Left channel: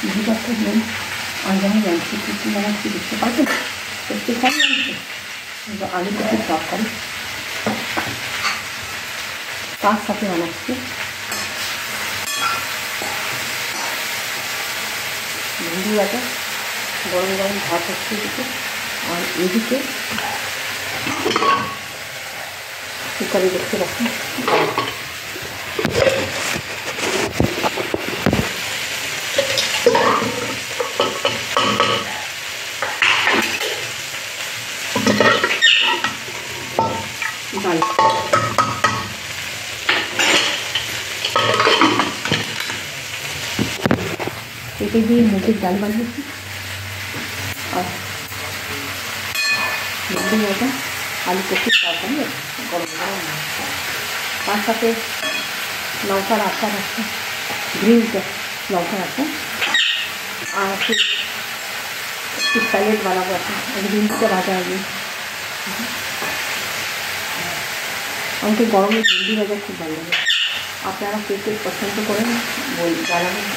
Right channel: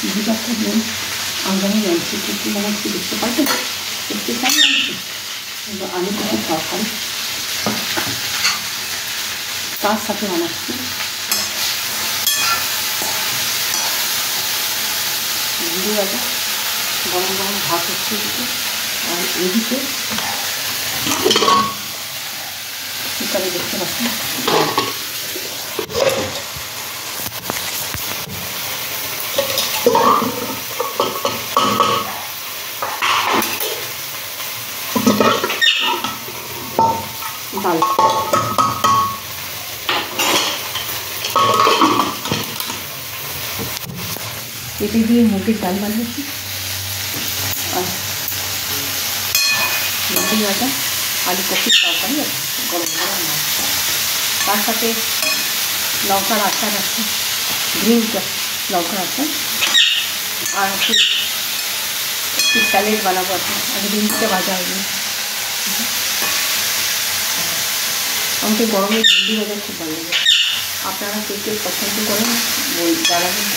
ভিতরটা দিন আমি জানছি কী বানাচ্ছি দেখতে পারবেন, দেখতে চাই জানছি। আলু কপির তরকারি তার সাথে বানাচ্ছি ভেন্ডি ভাজা, গরম গরম ভাত হচ্ছে এদিকে, আর এদিকে কুকারে দেখতে পাচ্ছি ডাল। পেঁপে দিয়ে মুগের ডাল বানিয়েছি, আর ভেন্ডি ভাজা, আলু কপির তরকারি, গরম গরম মাছ, তার সাথে লঙ্কার আচার আছে, গ্রিন লঙ্কার আচার, আর একটু স্যালাড বানাবো আছে, আর ভেন্ডিটা ভাজা হবে। আমাকে গরমে ভেন্ডি ভাজা খুব ভালো লাগে। আপনারা কে কে পছন্দ করেন জানাবেন।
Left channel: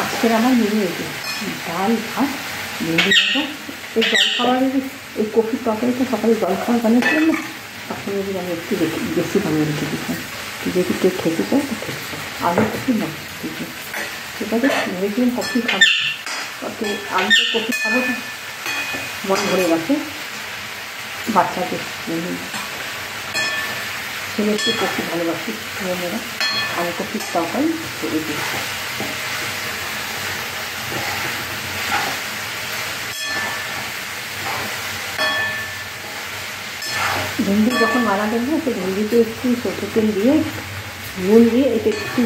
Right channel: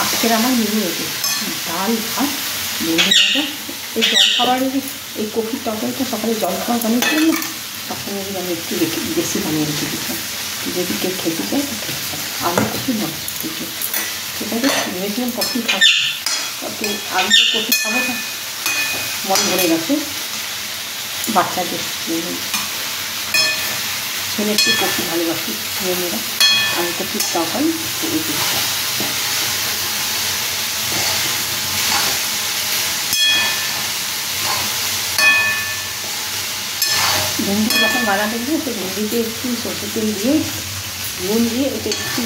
আজকের আমার মেনু এটি ডাল ভাত ভেন্ডি ভাজা। এই জলখাবারের এই কফির তরকারিটা সকালে জলখাবার বানিয়েছিলাম না, তখন যদি আমি একটু বেশি বানিয়ে রেখে দিতাম, যদি কেউ খেতে চায় তো খেতে পারে। আলু কফি নয় কিছু, ঠিক আছে। ভেবেছিলাম কফি খাবো, তাতে আমি তো কফি খাবো না, মন ভরে গেছে। বাচ্চাদের ছেলে একটু কফি ভালোবাসি, মেয়েরা আলু কফির তরকারি করে দিচ্ছি। ভেন্ডি যখন বানাবেন না, তো ভেন্ডিতে একটু সরষের তেল দিয়ে নুন দিয়ে এটা একটু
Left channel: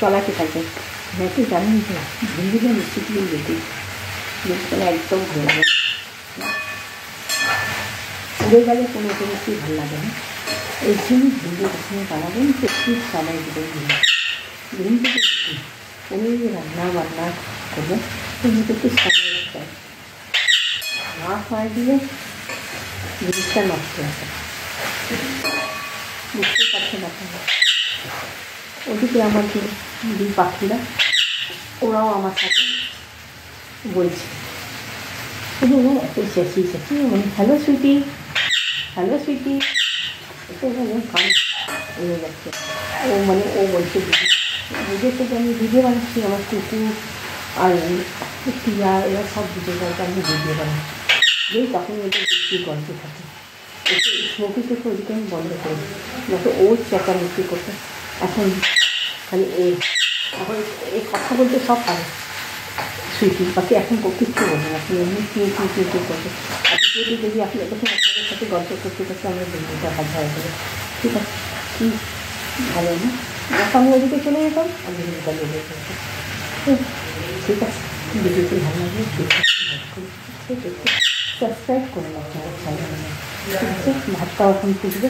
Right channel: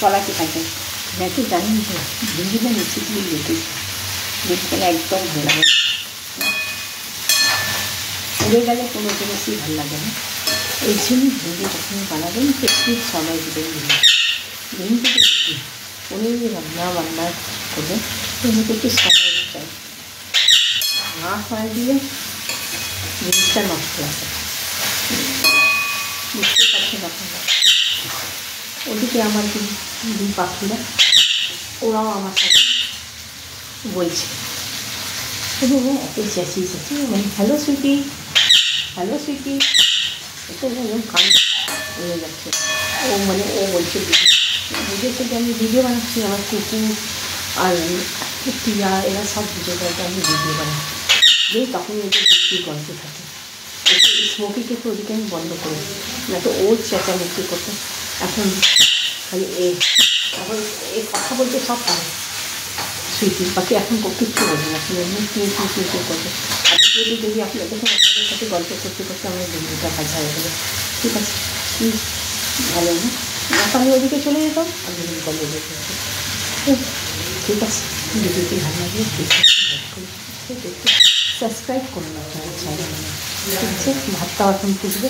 চলাতে থাকবেন। হ্যাঁ, তো জানেন যে ভেন্ডিটা নিচে দিয়ে যেতে গেলে একদম ভালো লাগে, উড়ে গেলে কোনো জিনিসই ভালো লাগে না। এই জন্য ভেন্ডি যখন বানাবেন তো একটু সবাই দেবেন ভেন্ডিতে একটু কোনো যদি বান্না করবেন তো একটু সবাই চাই না, সবাই দিলে জিনিসটা নষ্ট হয়ে যায়, বুঝতে পারছেন আপনারা। ওদিকে আমার দুই পাখিরা ওরাও আমার সাথে বলছে, এত চেঁচিয়ে হ্যালো সুইটি, হ্যালো সুইটি, এটা কান হয়ে যাচ্ছে। ও বলছে দিদি বুঝেছে যে আমি ভিডিও বানাচ্ছি, আমার কুকুর আর টিয়া এরা সব বুঝে যায় যে আমি ভিডিও বানাচ্ছি। যেই তখন এদের বেশি গল্প থাকে, একটু স্মোকিকে তো ওদিকে আমি বন্ধ করি না, তো ও চেঁচামেচি করতে। এখন খালি এখন এই কথা বলতে সব পারে সুইটি পাখি, এখন কিচ্ছু বলবে না, আপনি এমনি কি করবে। আর যদি আপনি দেখুন আপনাদের সাথে গল্প করতে করতে আমার ভিডিওটা ভাজা হয়ে গেলে, ঠিক আছে, ভালো না, আমি ওদিকে চলে যেতাম আর ভিডিওটা লেগে যেতে, ঠিক আছে। ভিডিওটি ভালো লাগলে দেখতে সাবস্ক্রাইব করুন আপনারা চাইলে, ঠিক আছে। ভাতটাও এখন ফুটবে।